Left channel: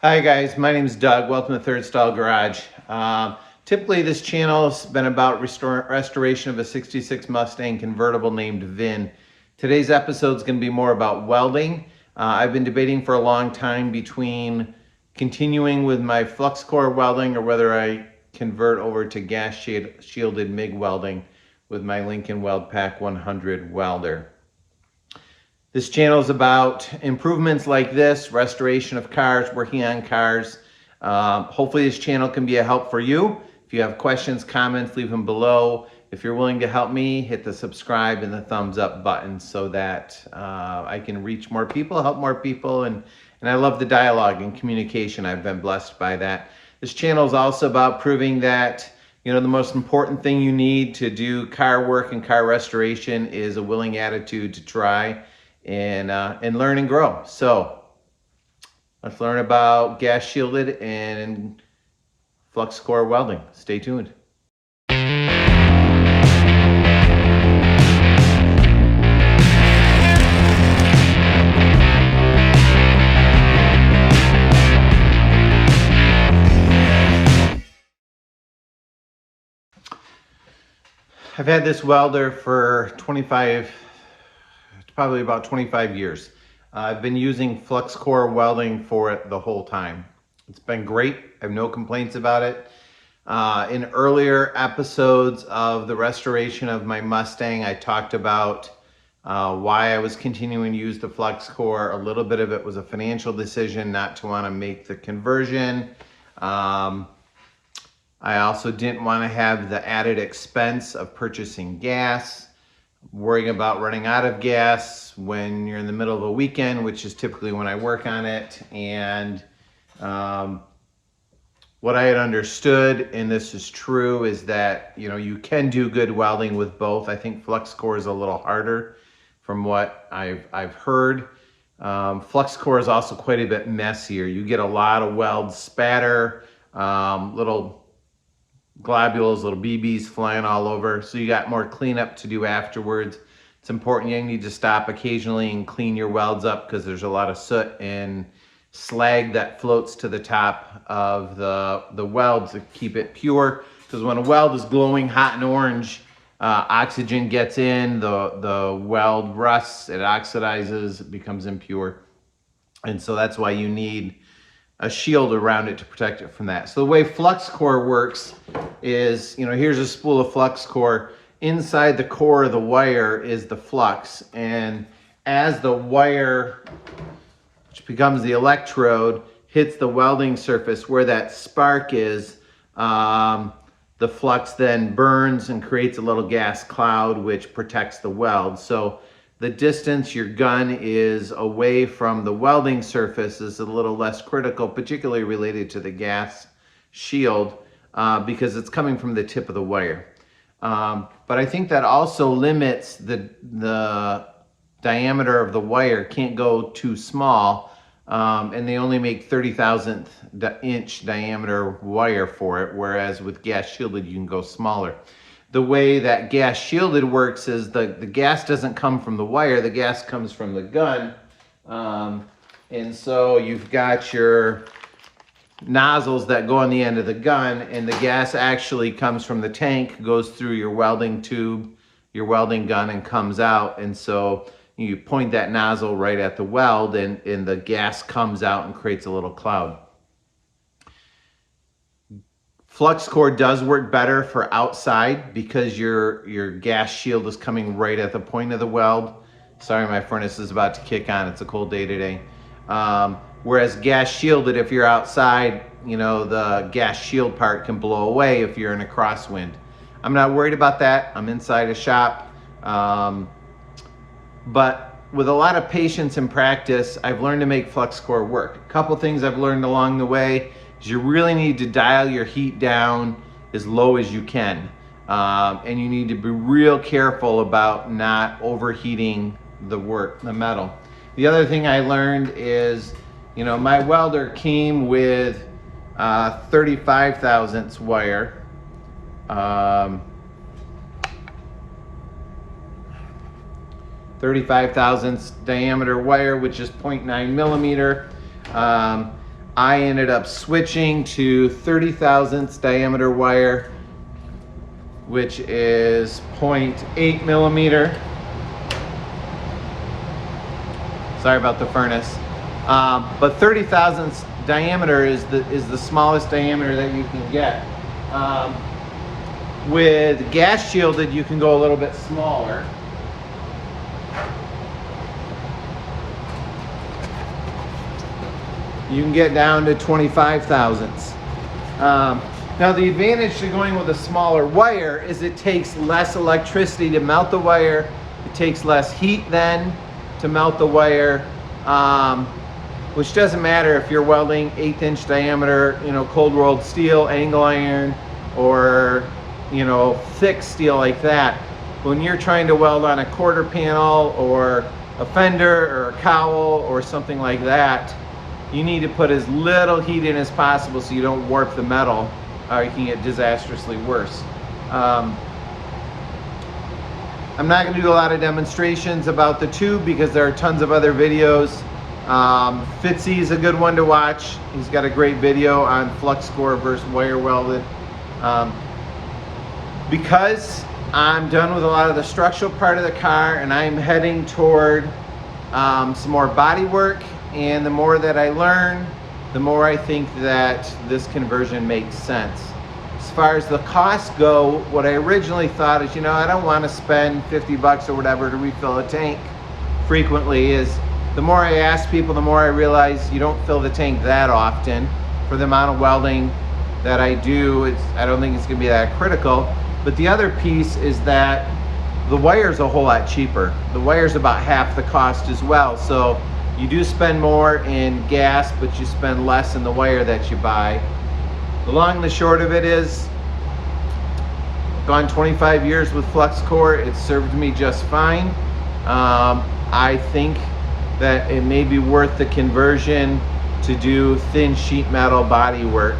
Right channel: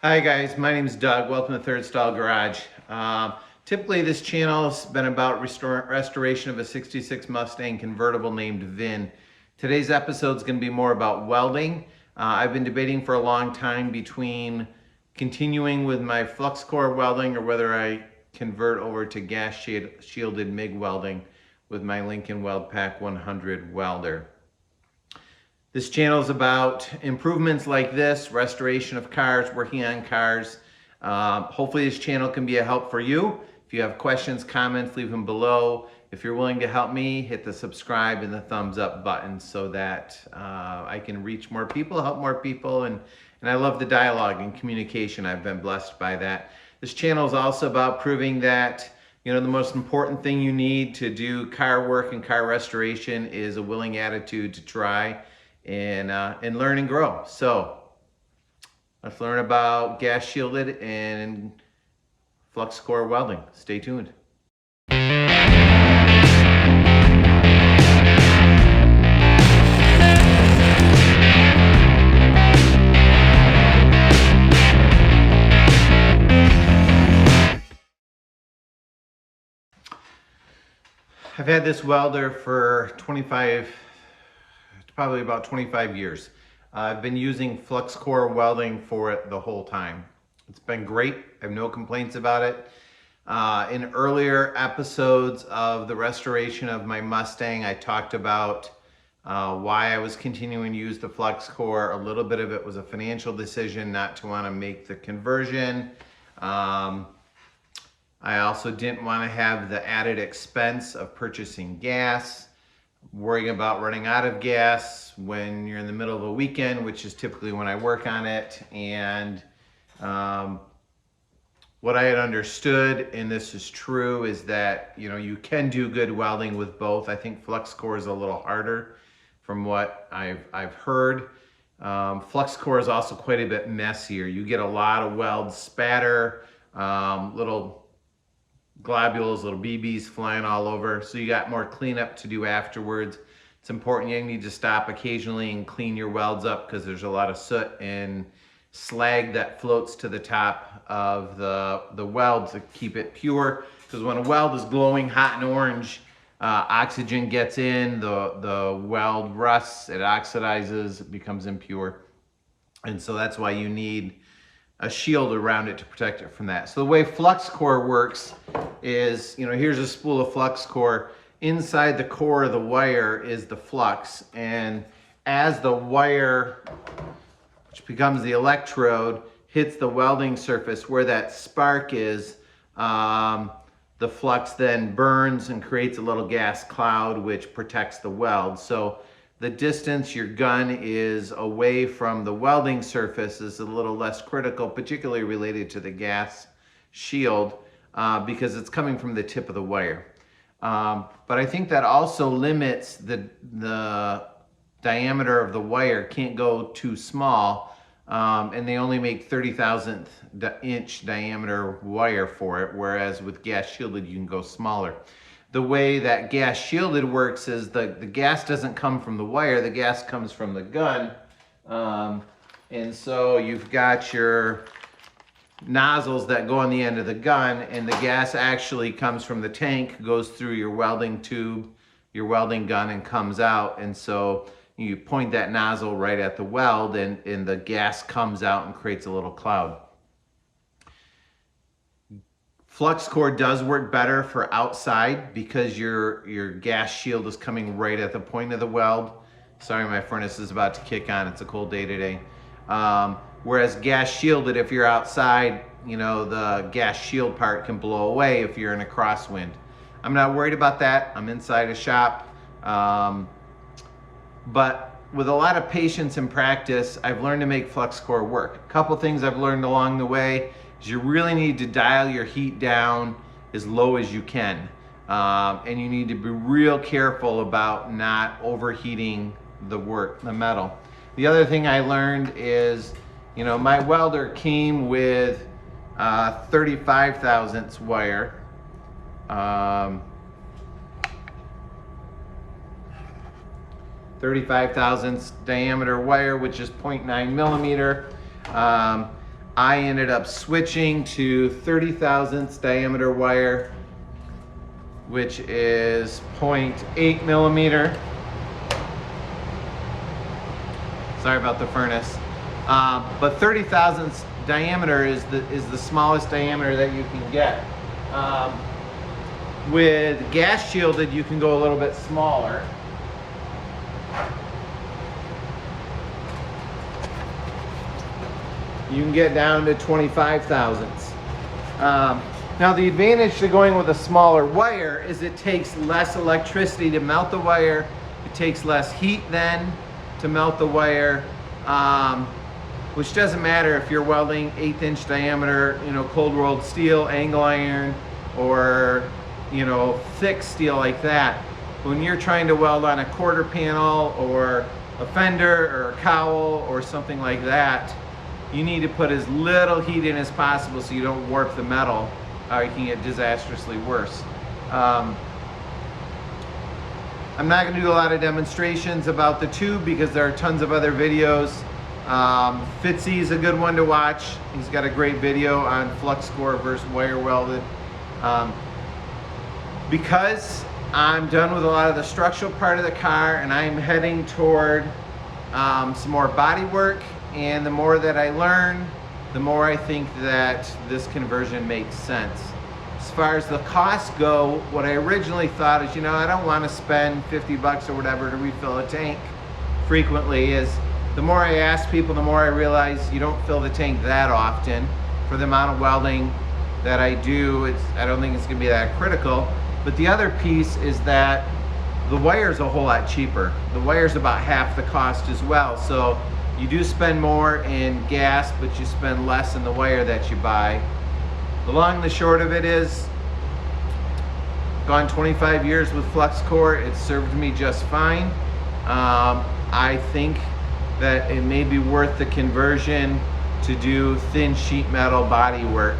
Hi guys, my name is Doug. Welcome to Third Stall Garage. Typically this channel has been about restoration of a 66 Mustang convertible named Vin. Today's episode is going to be more about welding. I've been debating for a long time between continuing with my flux core welding or whether I convert over to gas shielded MIG welding with my Lincoln Weld Pack 100 welder. This channel is about improvements like this, restoration of cars, working on cars. Hopefully this channel can be a help for you. If you have questions, comments, leave them below. If you're willing to help me, hit the subscribe and the thumbs up button so that I can reach more people, help more people, and I love the dialogue and communication. I've been blessed by that. This channel is also about proving that the most important thing you need to do car work and car restoration is a willing attitude to try and learn and grow. So let's learn about gas shielded and flux core welding. Stay tuned. I've had this welder for probably about 25 years. I've been using flux core welding for it the whole time. It's been great. I have no complaints about it. In earlier episodes of the restoration of my Mustang, I talked about why I was continuing to use the flux core. A little bit of it was a financial decision not to want to make the conversion. I also didn't want to have the added expense of purchasing gas, worrying about running out of gas when you're in the middle of a weekend, which is typically when I work on it. And what I had understood, and this is true, is that you can do good welding with both. I think flux core is a little harder from what I've heard. Flux core is also quite a bit messier. You get a lot of weld spatter, little globules, little BBs flying all over. So you got more cleanup to do afterwards. It's important. You need to stop occasionally and clean your welds up because there's a lot of soot and slag that floats to the top of the weld to keep it pure. Because when a weld is glowing hot and orange, oxygen gets in, the weld rusts, it oxidizes, it becomes impure. And so that's why you need a shield around it to protect it from that. So the way flux core works is, here's a spool of flux core. Inside the core of the wire is the flux. And as the wire, which becomes the electrode, hits the welding surface where that spark is, the flux then burns and creates a little gas cloud, which protects the weld. So the distance your gun is away from the welding surface is a little less critical, particularly related to the gas shield, because it's coming from the tip of the wire. But I think that also limits the diameter of the wire. Can't go too small, and they only make 30,000th inch diameter wire for it, whereas with gas shielded you can go smaller. The way that gas shielded works is the gas doesn't come from the wire, the gas comes from the gun. And so you've got your nozzles that go on the end of the gun, and the gas actually comes from the tank, goes through your welding tube, your welding gun, and comes out. And so you point that nozzle right at the weld, and the gas comes out and creates a little cloud. Flux core does work better for outside because your gas shield is coming right at the point of the weld. Sorry, my furnace is about to kick on. It's a cold day today. Whereas gas shielded, if you're outside, the gas shield part can blow away if you're in a crosswind. I'm not worried about that. I'm inside a shop. But with a lot of patience and practice, I've learned to make flux core work. A couple things I've learned along the way is you really need to dial your heat down as low as you can. And you need to be real careful about not overheating the metal. The other thing I learned is, my welder came with 35 thousandths wire. 35 thousandths diameter wire, which is 0.9 millimeter. I ended up switching to 30 thousandths diameter wire, which is 0.8 millimeter. Sorry about the furnace. But 30 thousandths diameter is the smallest diameter that you can get. With gas shielded, you can go a little bit smaller. You can get down to 25 thousandths. Now the advantage to going with a smaller wire is it takes less electricity to melt the wire. It takes less heat then to melt the wire, which doesn't matter if you're welding 1/8 inch diameter, cold rolled steel, angle iron, or thick steel like that. When you're trying to weld on a quarter panel or a fender or a cowl or something like that, you need to put as little heat in as possible so you don't warp the metal, or you can get disastrously worse. I'm not going to do a lot of demonstrations about the tube because there are tons of other videos. Fitzy is a good one to watch. He's got a great video on flux core versus wire welded. Because I'm done with a lot of the structural part of the car and I'm heading toward some more body work, and the more that I learn, the more I think that this conversion makes sense. As far as the costs go, what I originally thought is, I don't want to spend 50 bucks or whatever to refill a tank frequently. Is the more I ask people, the more I realize you don't fill the tank that often. For the amount of welding that I do, I don't think it's going to be that critical. But the other piece is that the wire's a whole lot cheaper. The wire's about half the cost as well. So you do spend more in gas, but you spend less in the wire that you buy. The long and the short of it is, gone 25 years with flux core. It served me just fine. I think that it may be worth the conversion to do thin sheet metal body work.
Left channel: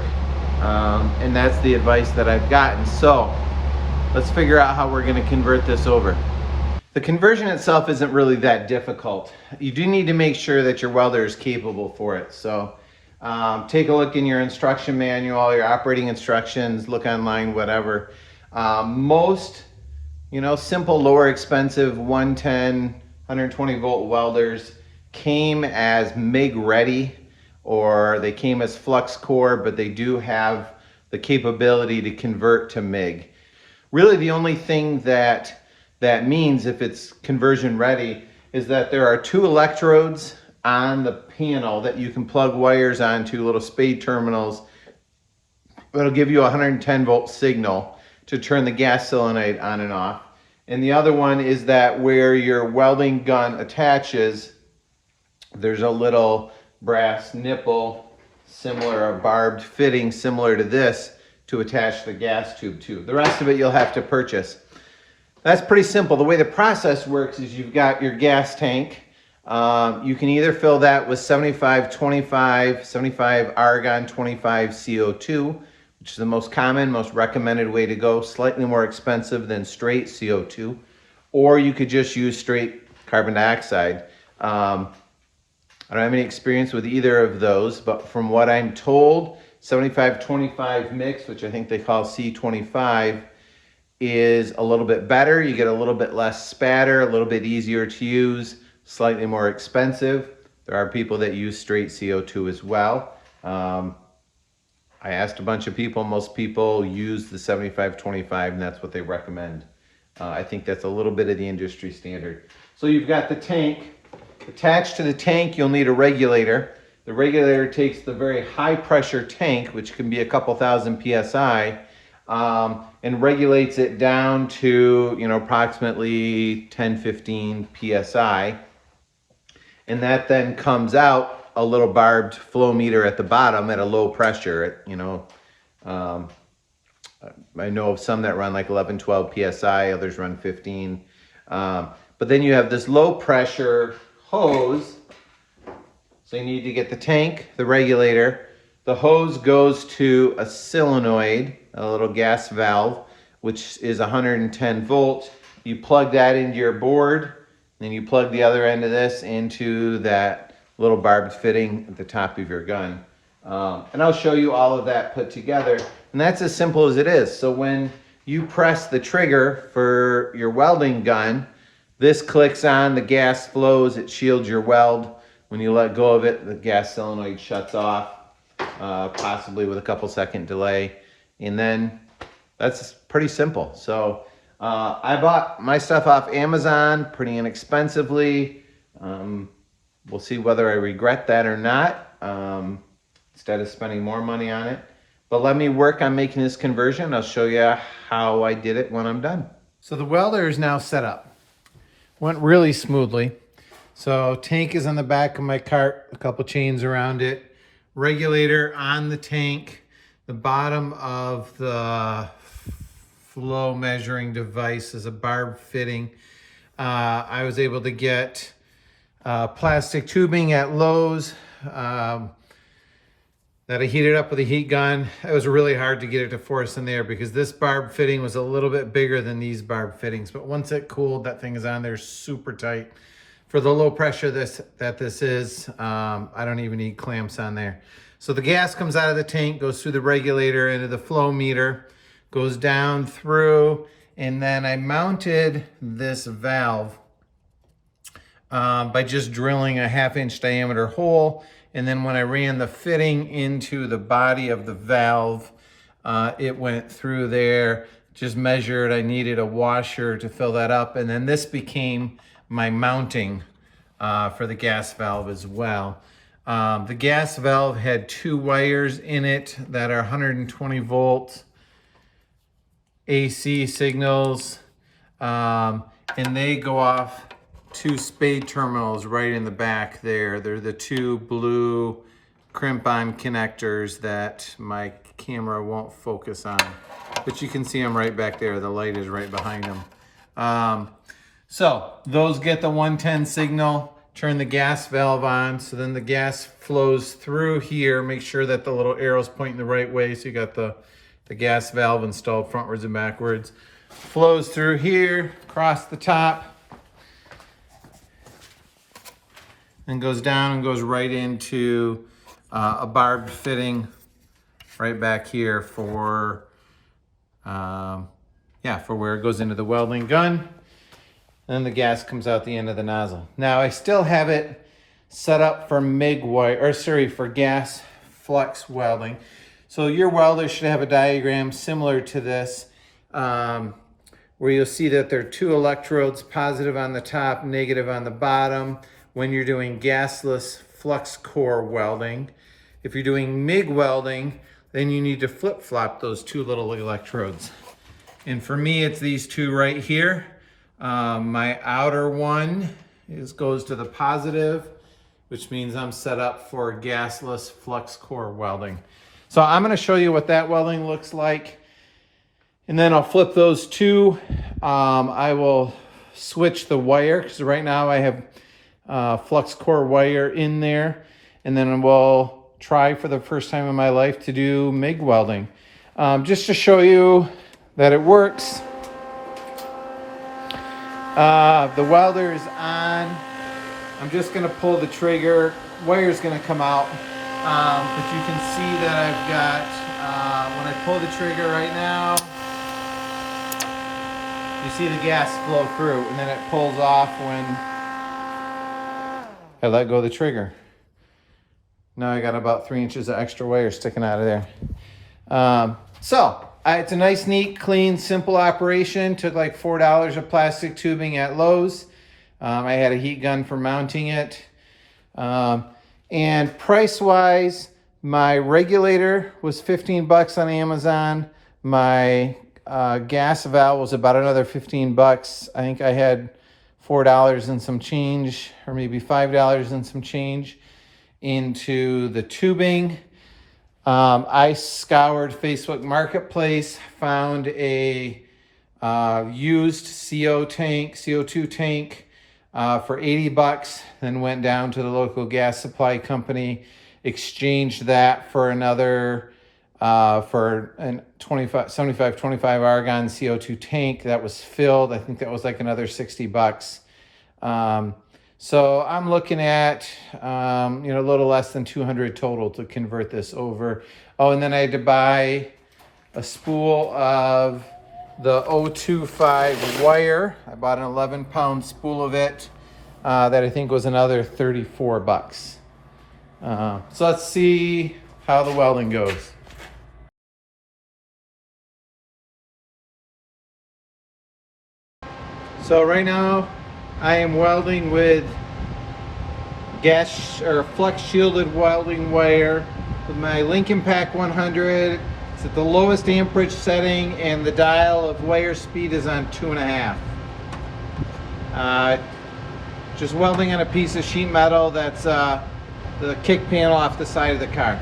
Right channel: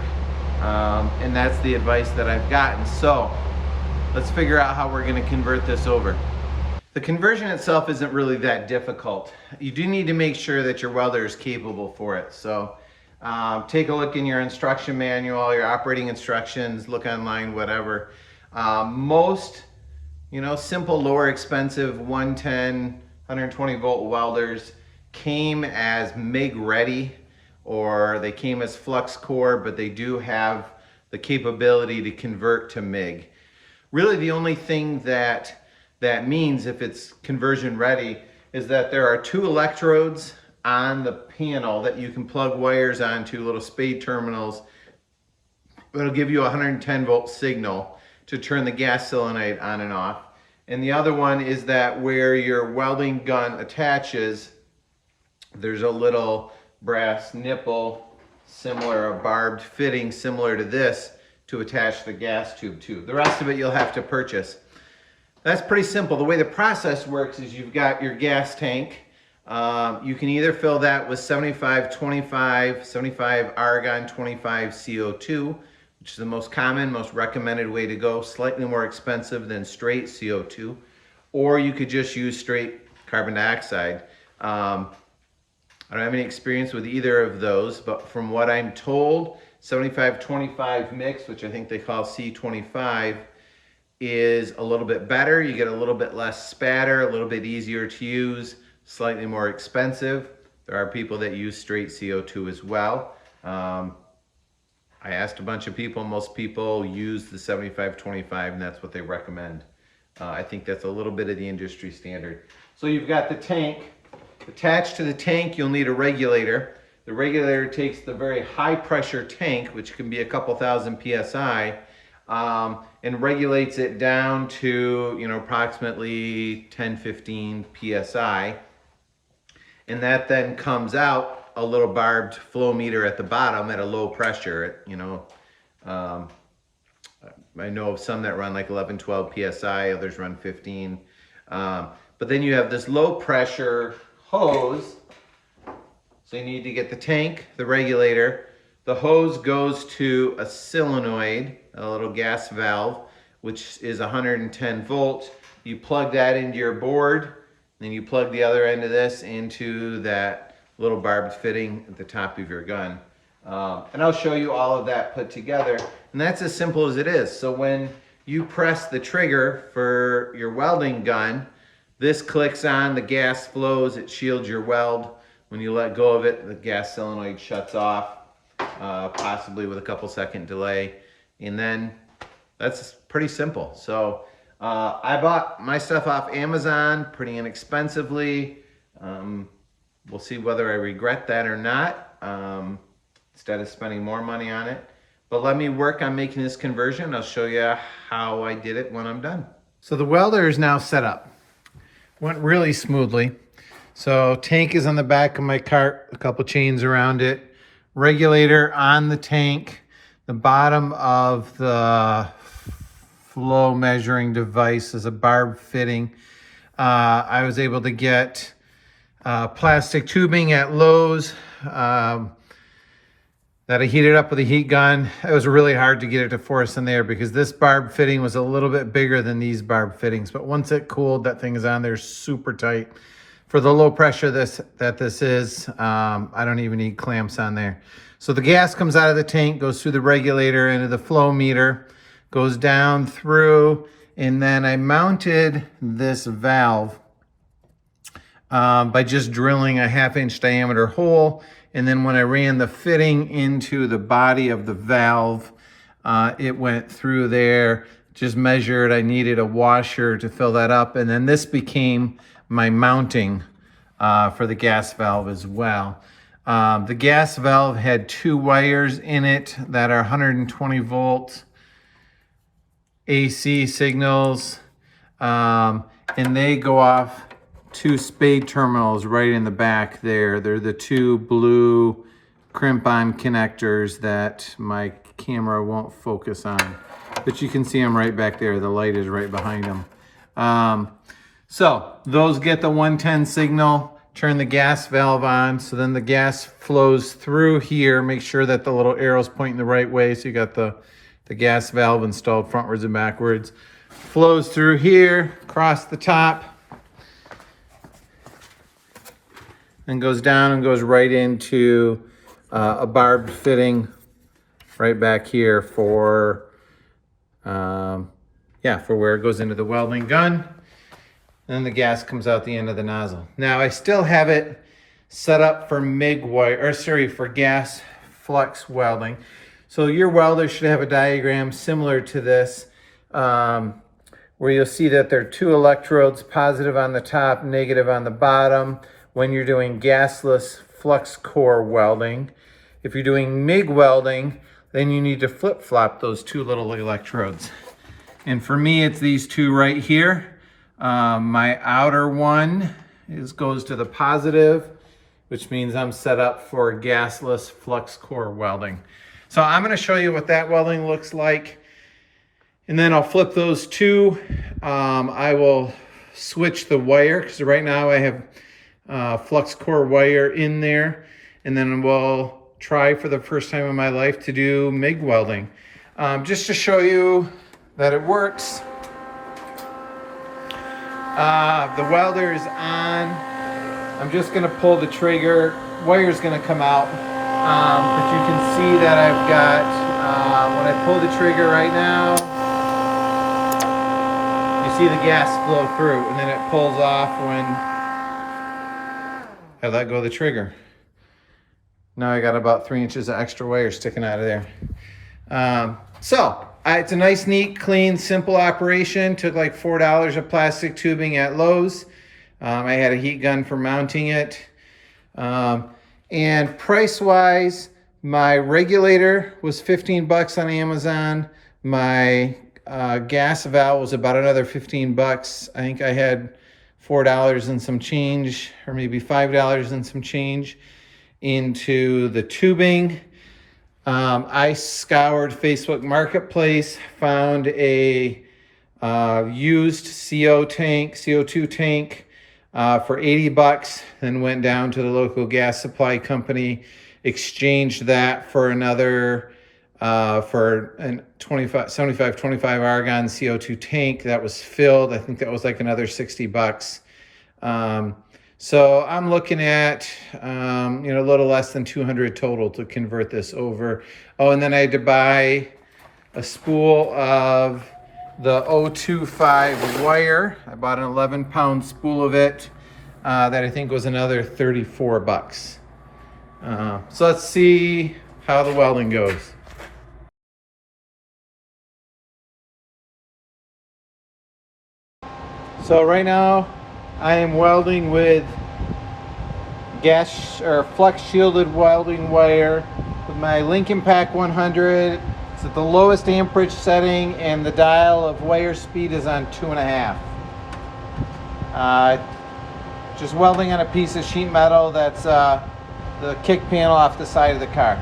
And that's the advice that I've gotten. So let's figure out how we're going to convert this over. The conversion itself isn't really that difficult. You do need to make sure that your welder is capable for it. So take a look in your instruction manual, your operating instructions, look online, whatever. Most, simple, lower expensive 110, 120 volt welders came as MIG ready, or they came as flux core, but they do have the capability to convert to MIG. Really the only thing that means, if it's conversion ready, is that there are 2 electrodes on the panel that you can plug wires onto, little spade terminals. It'll give you a 110 volt signal to turn the gas solenoid on and off. And the other one is that where your welding gun attaches, there's a little brass nipple, a barbed fitting similar to this, to attach the gas tube to. The rest of it you'll have to purchase. That's pretty simple. The way the process works is you've got your gas tank. You can either fill that with 75-25, 75 argon, 25 CO2, which is the most common, most recommended way to go, slightly more expensive than straight CO2, or you could just use straight carbon dioxide. I don't have any experience with either of those, but from what I'm told, 75-25 mix, which I think they call C25, is a little bit better. You get a little bit less spatter, a little bit easier to use, slightly more expensive. There are people that use straight CO2 as well. I asked a bunch of people, most people use the 75-25, and that's what they recommend. I think that's a little bit of the industry standard. So you've got the tank. Attached to the tank, you'll need a regulator. The regulator takes the very high pressure tank, which can be a couple thousand PSI, and regulates it down to, approximately 10-15 PSI. And that then comes out a little barbed flow meter at the bottom at a low pressure. I know of some that run like 11-12 PSI, others run 15. But then you have this low pressure hose. So you need to get the tank, the regulator. The hose goes to a solenoid, a little gas valve, which is 110 volts. You plug that into your board, then you plug the other end of this into that little barbed fitting at the top of your gun. And I'll show you all of that put together. And that's as simple as it is. So when you press the trigger for your welding gun, this clicks on, the gas flows, it shields your weld. When you let go of it, the gas solenoid shuts off, possibly with a couple second delay. And then that's pretty simple. So I bought my stuff off Amazon pretty inexpensively. We'll see whether I regret that or not, instead of spending more money on it. But let me work on making this conversion. I'll show you how I did it when I'm done. So the welder is now set up. Went really smoothly. So tank is on the back of my cart, a couple chains around it. Regulator on the tank. The bottom of the flow measuring device is a barb fitting. I was able to get plastic tubing at Lowe's that I heated up with a heat gun. It was really hard to get it to force in there because this barb fitting was a little bit bigger than these barb fittings. But once it cooled, that thing is on there super tight. For the low pressure this is, I don't even need clamps on there. So the gas comes out of the tank, goes through the regulator into the flow meter, goes down through, and then I mounted this valve by just drilling a 1/2-inch diameter hole. And then when I ran the fitting into the body of the valve, it went through there, just measured. I needed a washer to fill that up. And then this became my mounting for the gas valve as well. The gas valve had 2 wires in it that are 120 volt AC signals. And they go off 2 spade terminals right in the back there. They're the 2 blue crimp-on connectors that my camera won't focus on. But you can see them right back there. The light is right behind them. So those get the 110 signal, turn the gas valve on. So then the gas flows through here. Make sure that the little arrow's pointing the right way. So you got the gas valve installed frontwards and backwards. Flows through here, across the top, and goes down and goes right into a barbed fitting right back here for where it goes into the welding gun. And then the gas comes out the end of the nozzle. Now I still have it set up for for gas flux welding. So your welder should have a diagram similar to this, where you'll see that there are 2 electrodes, positive on the top, negative on the bottom, when you're doing gasless flux core welding. If you're doing MIG welding, then you need to flip-flop those 2 little electrodes. And for me, it's these 2 right here. My outer one goes to the positive, which means I'm set up for gasless flux core welding. So I'm going to show you what that welding looks like. And then I'll flip those 2. I will switch the wire, because right now I have flux core wire in there, and then we'll try for the first time in my life to do MIG welding, just to show you that it works. The welder is on. I'm just going to pull the trigger. Wire's going to come out, but you can see that I've got, when I pull the trigger right now, you see the gas flow through, and then it pulls off when I let go of the trigger. Now I got about 3 inches of extra wire sticking out of there. It's a nice, neat, clean, simple operation. Took like $4 of plastic tubing at Lowe's. I had a heat gun for mounting it. And price-wise, my regulator was 15 bucks on Amazon. My gas valve was about another 15 bucks. I think I had $4 and some change, or maybe $5 and some change into the tubing. I scoured Facebook Marketplace, found a used CO2 tank for 80 bucks, then went down to the local gas supply company, exchanged that for another for a 75-25 argon CO2 tank that was filled. I think that was like another 60 bucks. So I'm looking at, a little less than 200 total to convert this over. Oh, and then I had to buy a spool of the 025 wire. I bought an 11-pound spool of it that I think was another 34 bucks. So let's see how the welding goes. So right now I am welding with gas or flux shielded welding wire with my Lincoln Pack 100. It's at the lowest amperage setting and the dial of wire speed is on 2.5. Just welding on a piece of sheet metal that's the kick panel off the side of the car.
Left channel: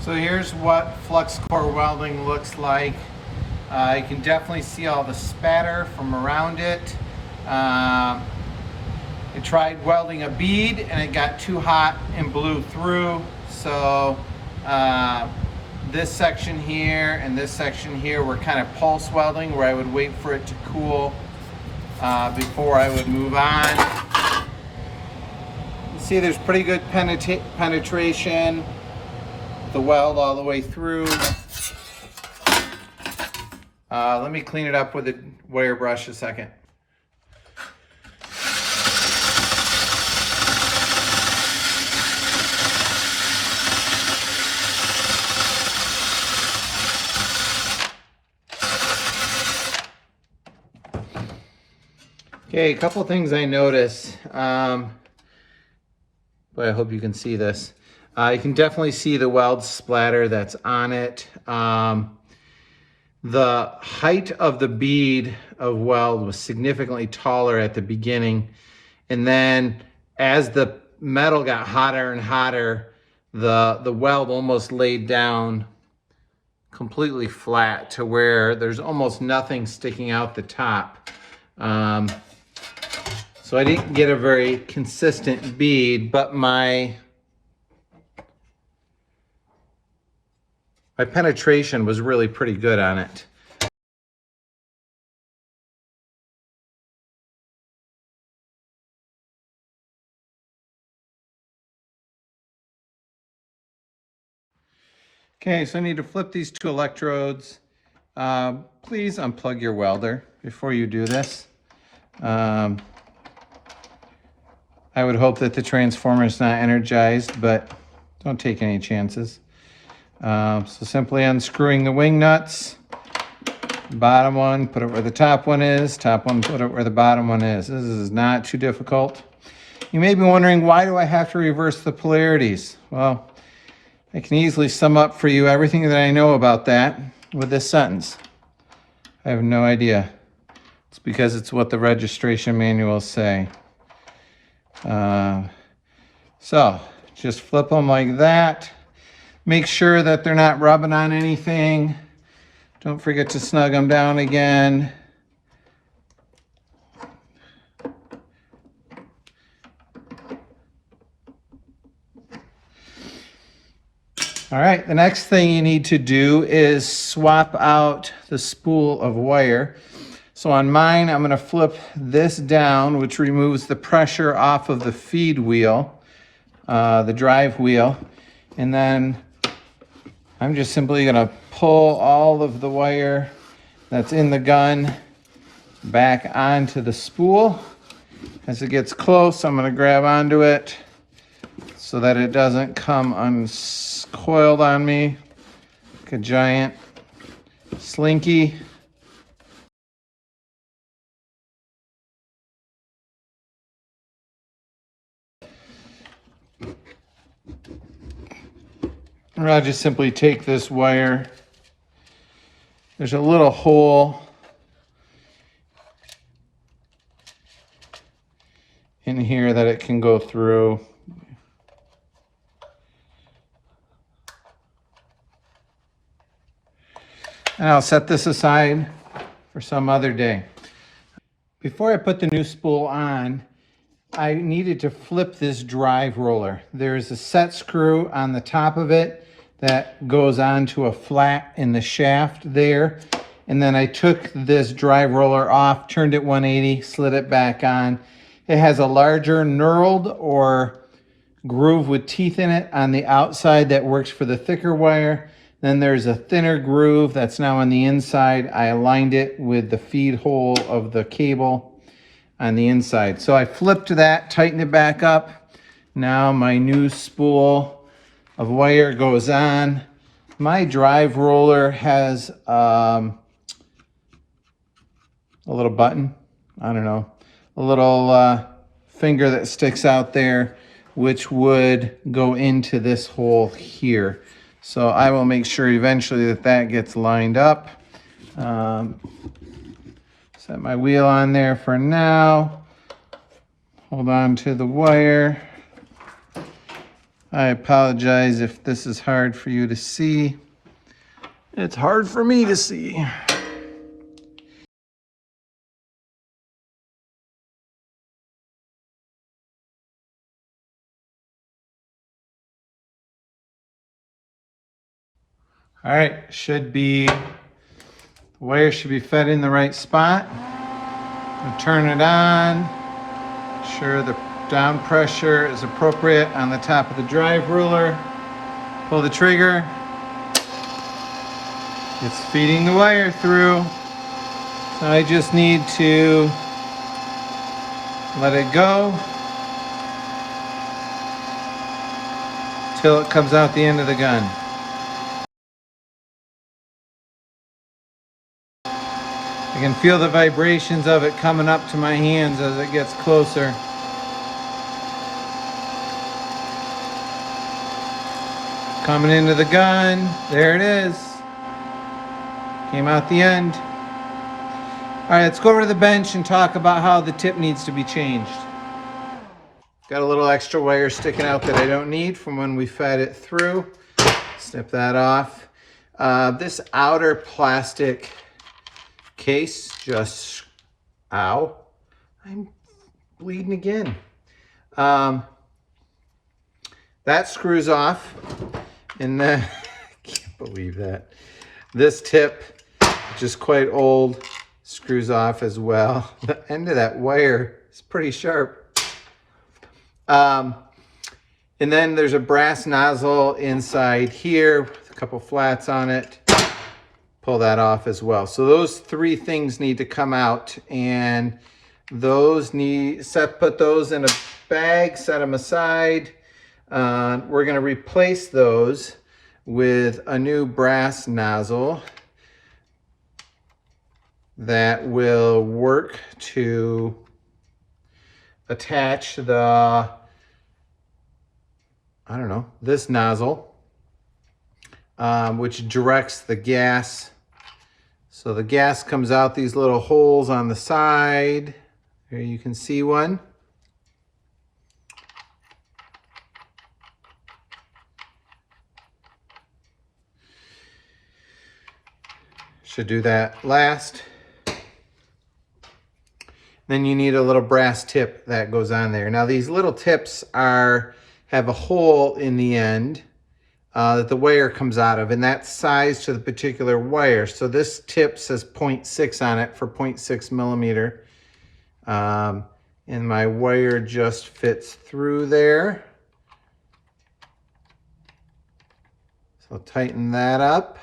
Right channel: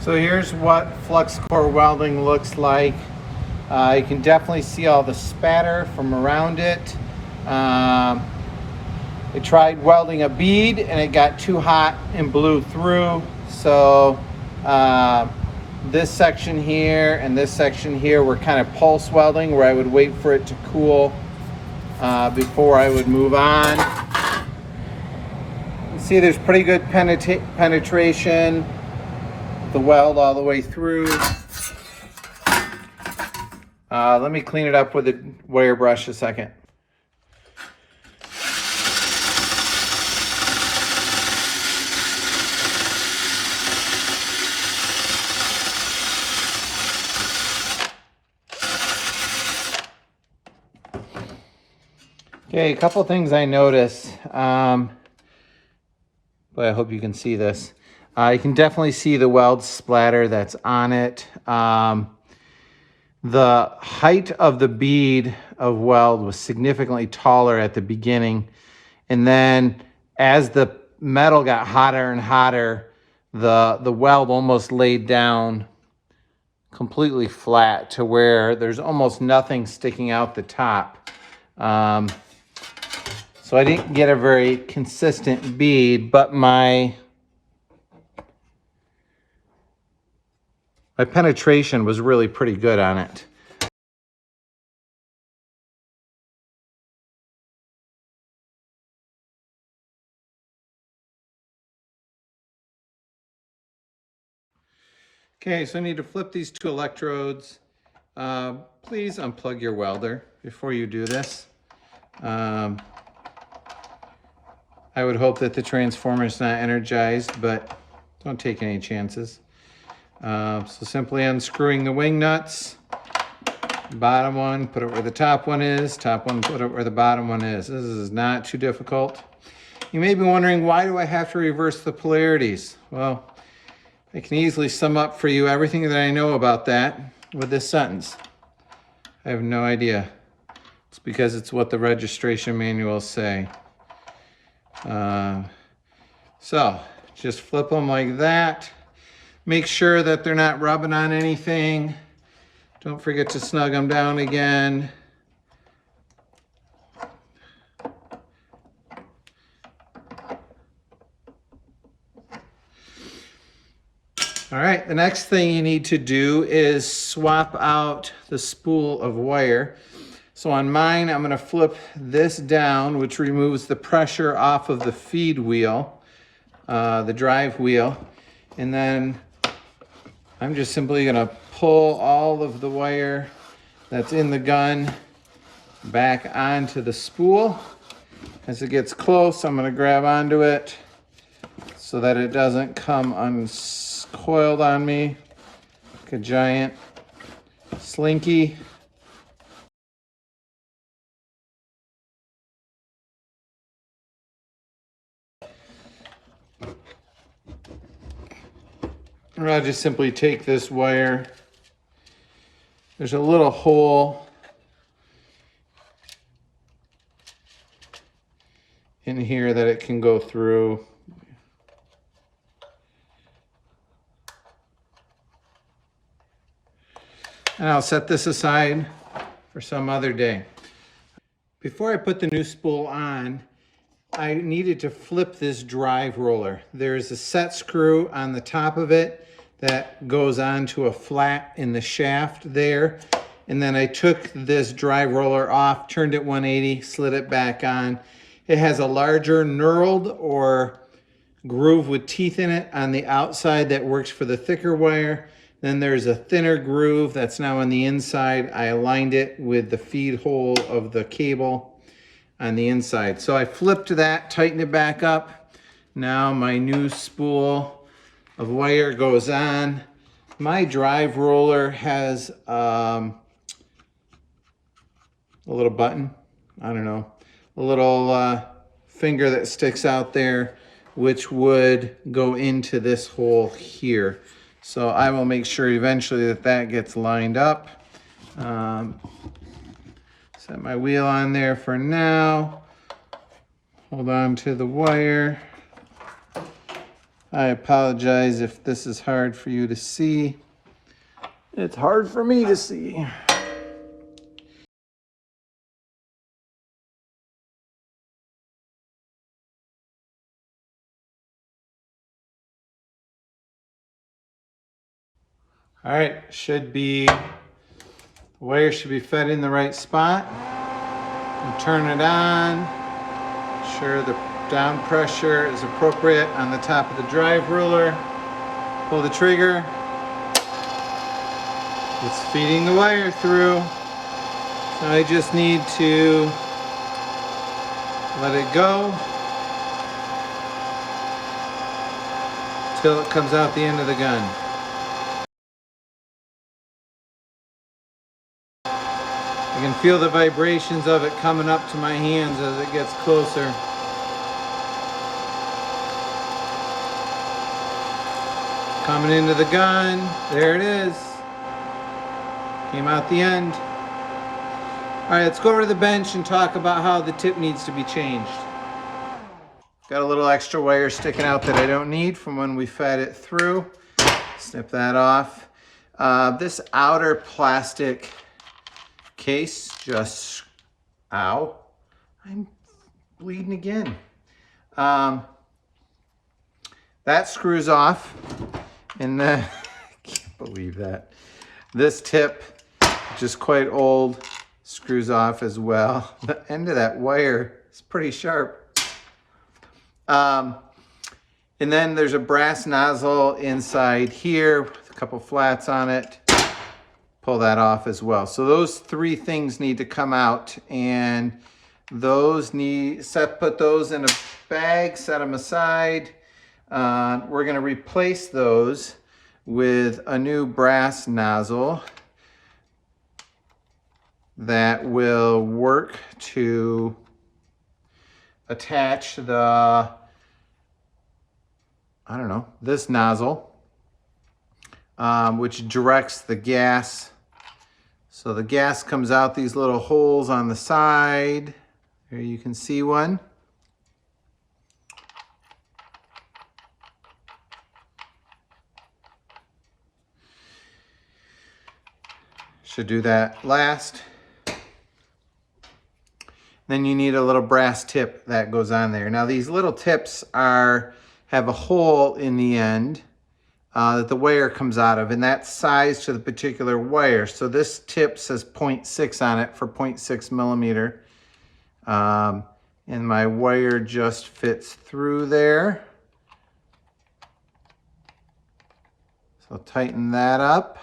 So here's what flux core welding looks like. You can definitely see all the spatter from around it. I tried welding a bead and it got too hot and blew through. So this section here and this section here were kind of pulse welding where I would wait for it to cool before I would move on. You can see there's pretty good penetration. The weld all the way through. Let me clean it up with a wire brush a second. Okay, a couple things I noticed, but I hope you can see this. You can definitely see the weld splatter that's on it. The height of the bead of weld was significantly taller at the beginning. And then as the metal got hotter and hotter, the weld almost laid down completely flat to where there's almost nothing sticking out the top. So I didn't get a very consistent bead, but my penetration was really pretty good on it. Okay, so I need to flip these two electrodes. Please unplug your welder before you do this. I would hope that the transformer is not energized, but don't take any chances. So simply unscrewing the wing nuts. Bottom one, put it where the top one is. Top one, put it where the bottom one is. This is not too difficult. You may be wondering, why do I have to reverse the polarities? Well, I can easily sum up for you everything that I know about that with this sentence. I have no idea. It's because it's what the registration manuals say. So just flip them like that. Make sure that they're not rubbing on anything. Don't forget to snug them down again. All right, the next thing you need to do is swap out the spool of wire. So on mine, I'm gonna flip this down, which removes the pressure off of the feed wheel, the drive wheel. And then I'm just simply gonna pull all of the wire that's in the gun back onto the spool. As it gets close, I'm gonna grab onto it so that it doesn't come uncoiled on me like a giant slinky. And I'll just simply take this wire. There's a little hole in here that it can go through. And I'll set this aside for some other day. Before I put the new spool on, I needed to flip this drive roller. There's a set screw on the top of it that goes onto a flat in the shaft there. And then I took this drive roller off, turned it 180, slid it back on. It has a larger knurled or groove with teeth in it on the outside that works for the thicker wire. Then there's a thinner groove that's now on the inside. I aligned it with the feed hole of the cable on the inside. So I flipped that, tightened it back up. Now my new spool of wire goes on. My drive roller has a little button, I don't know, a little finger that sticks out there, which would go into this hole here. So I will make sure eventually that that gets lined up. Set my wheel on there for now. Hold on to the wire. I apologize if this is hard for you to see. It's hard for me to see. All right, wire should be fed in the right spot. I'll turn it on. Sure the down pressure is appropriate on the top of the drive roller. Pull the trigger. It's feeding the wire through. So I just need to let it go till it comes out the end of the gun. I can feel the vibrations of it coming up to my hands as it gets closer. Coming into the gun, there it is. Came out the end. All right, let's go over to the bench and talk about how the tip needs to be changed. Got a little extra wire sticking out that I don't need from when we fed it through. Snip that off. This outer plastic case just, ow, I'm bleeding again. That screws off, and then, I can't believe that. This tip, which is quite old, screws off as well. The end of that wire is pretty sharp. And then there's a brass nozzle inside here with a couple flats on it. Pull that off as well. So those three things need to come out, and those put those in a bag, set them aside. We're gonna replace those with a new brass nozzle that will work to attach the, I don't know, this nozzle, which directs the gas. So the gas comes out these little holes on the side. Here you can see one. Should do that last. Then you need a little brass tip that goes on there. Now these little tips have a hole in the end that the wire comes out of, and that's sized to the particular wire. So this tip says 0.6 on it for 0.6 millimeter. And my wire just fits through there. So tighten that up.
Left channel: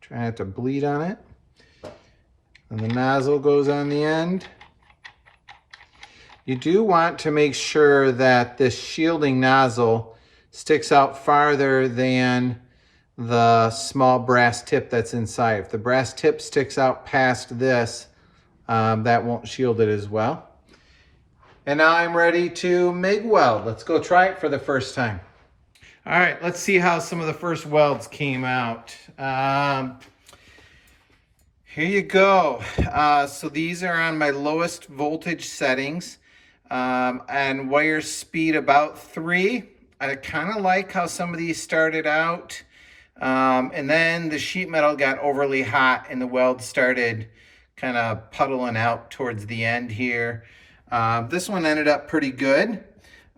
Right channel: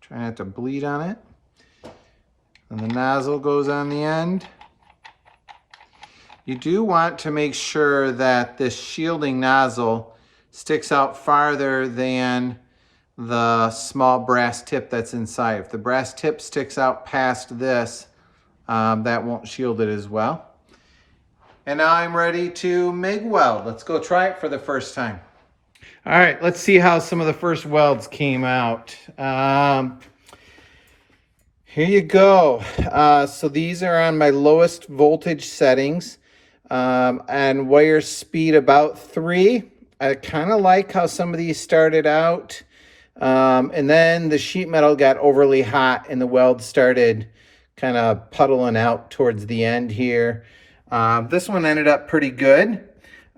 Try not to bleed on it. And the nozzle goes on the end. You do want to make sure that this shielding nozzle sticks out farther than the small brass tip that's inside. If the brass tip sticks out past this, that won't shield it as well. And now I'm ready to MIG weld. Let's go try it for the first time. All right, let's see how some of the first welds came out. Here you go. So these are on my lowest voltage settings, and wire speed about 3. I kind of like how some of these started out. And then the sheet metal got overly hot and the weld started kind of puddling out towards the end here. This one ended up pretty good.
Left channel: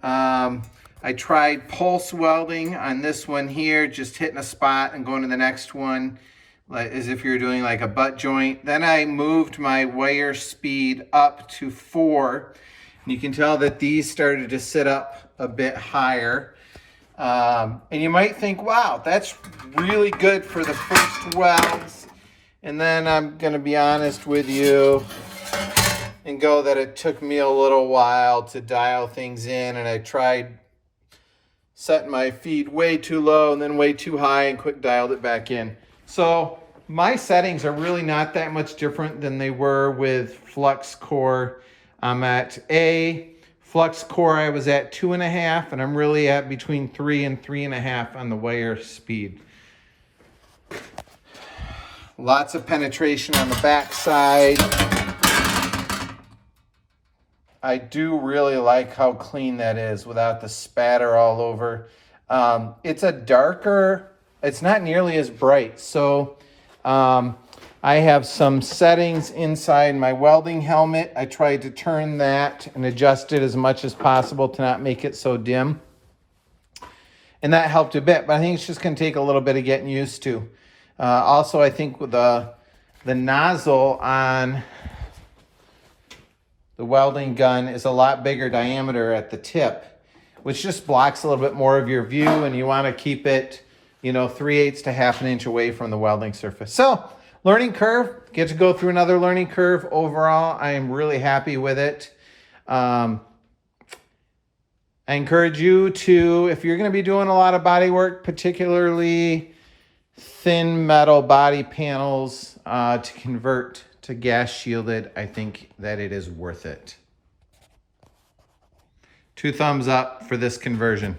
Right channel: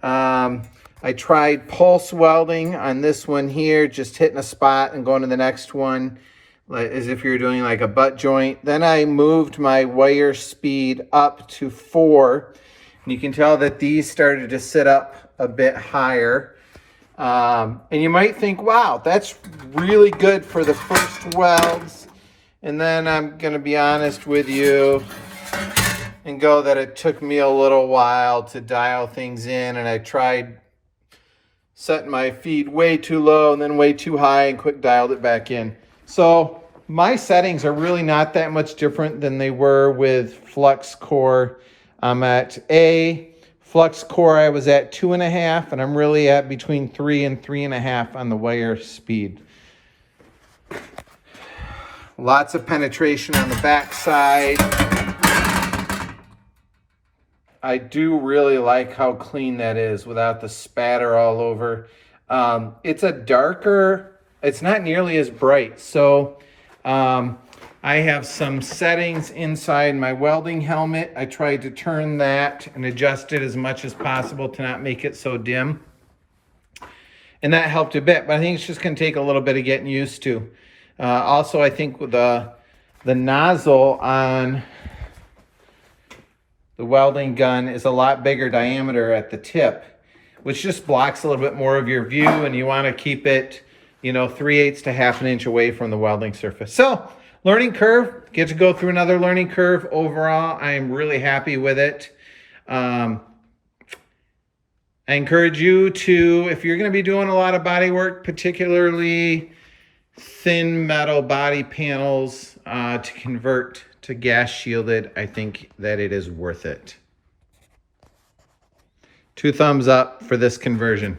I tried pulse welding on this one here, just hitting a spot and going to the next one, like as if you're doing like a butt joint. Then I moved my wire speed up to 4. And you can tell that these started to sit up a bit higher. And you might think, wow, that's really good for the first welds. And then I'm gonna be honest with you and go that it took me a little while to dial things in, and I tried setting my feed way too low and then way too high and quick dialed it back in. So my settings are really not that much different than they were with Flux Core. I'm at Flux Core, I was at 2.5, and I'm really at between 3 and 3.5 on the wire speed. Lots of penetration on the back side. I do really like how clean that is without the spatter all over. It's a darker, it's not nearly as bright. So I have some settings inside my welding helmet. I tried to turn that and adjust it as much as possible to not make it so dim. And that helped a bit, but I think it's just gonna take a little bit of getting used to. Also, I think with the nozzle on the welding gun is a lot bigger diameter at the tip, which just blocks a little bit more of your view, and you want to keep it, 3/8 to 1/2 inch away from the welding surface. So, learning curve, get to go through another learning curve. Overall, I am really happy with it. I encourage you to, if you're going to be doing a lot of body work, particularly thin metal body panels, to convert to gas shielded, I think that it is worth it. 2 thumbs up for this conversion.